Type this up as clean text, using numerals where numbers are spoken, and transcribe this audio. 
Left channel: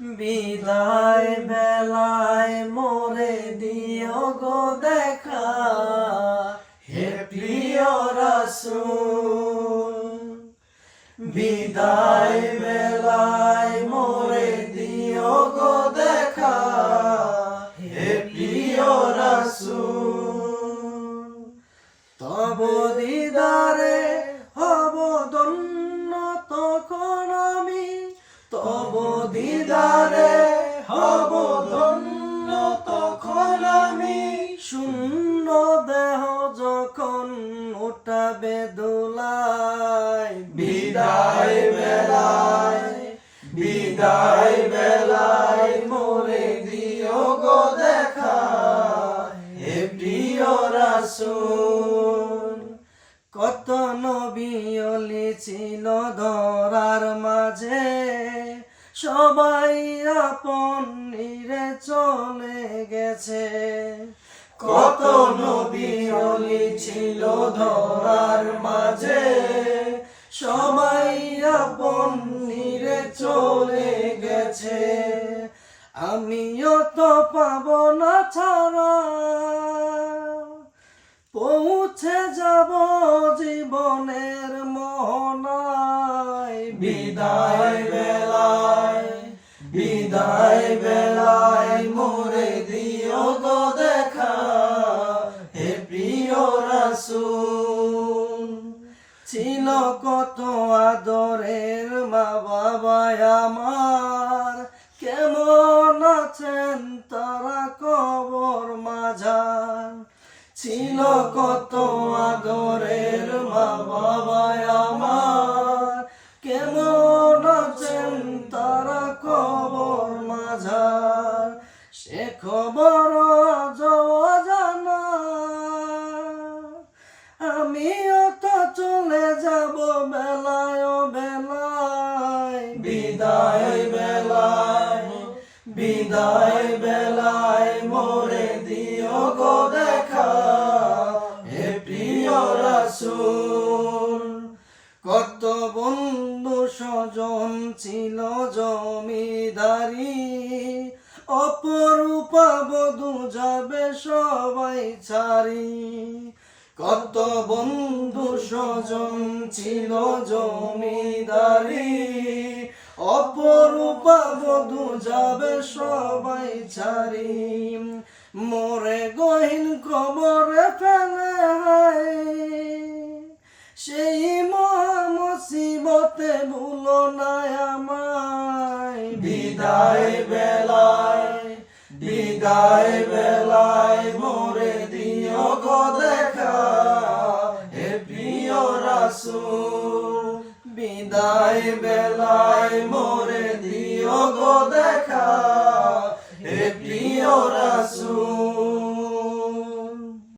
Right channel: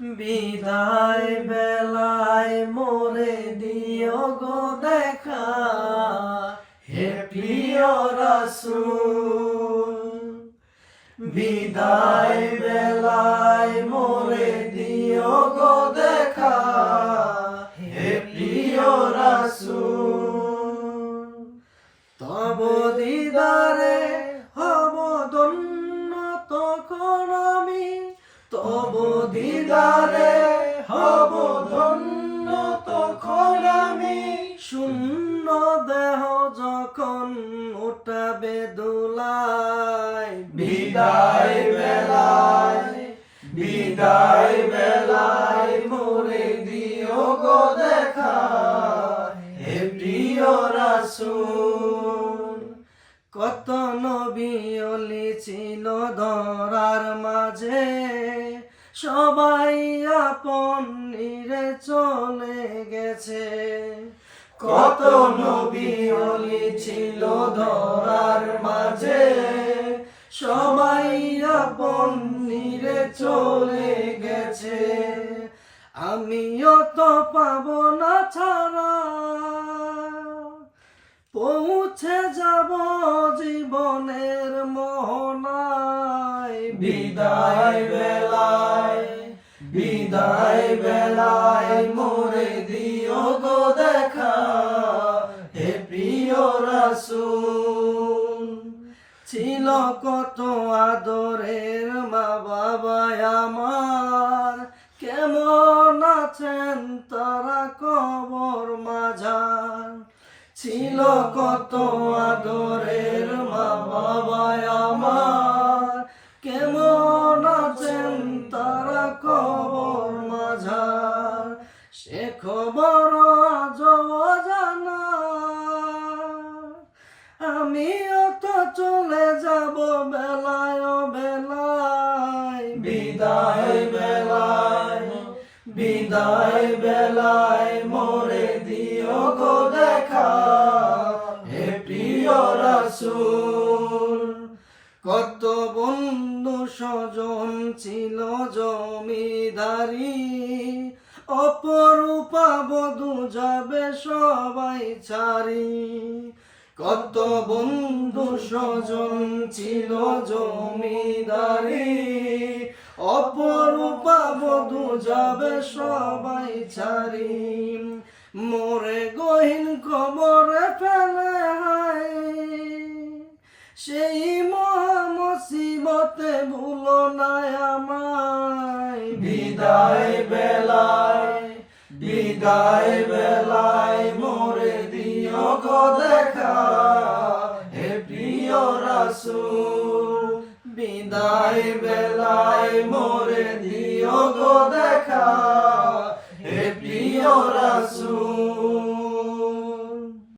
বিদায় বেলায় মোরে দিও গো দেখা, হে প্রিয় রাসূল। বিদায় বেলায় মোরে দিও গো দেখা, হে প্রিয় রাসূল। তব দিদারে হব ধন্য তখন আমি, তব দিদারে হব ধন্য তখন আমি। শূন্য দেহ যখন উঠাবে দোলায়, বিদায় বেলায়, বিদায় বেলায় মোরে দিও গো দেখা, হে প্রিয় রাসূল। কত নবী ওলি ছিল ধরার মাঝে, সবাই আপন নিরে চলে গেছে। কত নবী ওলি ছিল ধরার মাঝে, সবাই আপন নিরে চলে গেছে। আমিও তো পাবো না ছাড়া, পৌঁছে যাব জীবনের মোহনায়। বিদায় বেলায়, বিদায় বেলায় মোরে দিও গো দেখা, হে প্রিয় রাসূল। ছিল কত আদরের মা বাবা আমার, কেমন আছেন তারা কবর মাঝার। ছিল কত আদরের মা বাবা আমার, কেমন আছেন তারা কবর মাঝার। সে খবর আজও অজানা, আমিও তো চলে যাব বেলায় বেলায়। বিদায় বেলায়, বিদায় বেলায় মোরে দিও গো দেখা, হে প্রিয় রাসূল। কত বন্ধু স্বজন ছিল জমিদারি, অপরূপা বধূ যাবে সবাই ছাড়ি। কত বন্ধু স্বজন ছিল জমিদারি, অপরূপা বধূ যাবে সবাই ছাড়ি। মোরে গহীন কবরে ফেলে হায়, সেই মহা মুসিবতে ভুলো না আমায়। বিদায় বেলায়, বিদায় বেলায় মোরে দিও গো দেখা, হে প্রিয় রাসূল। বিদায় বেলায় মোরে দিও গো দেখা।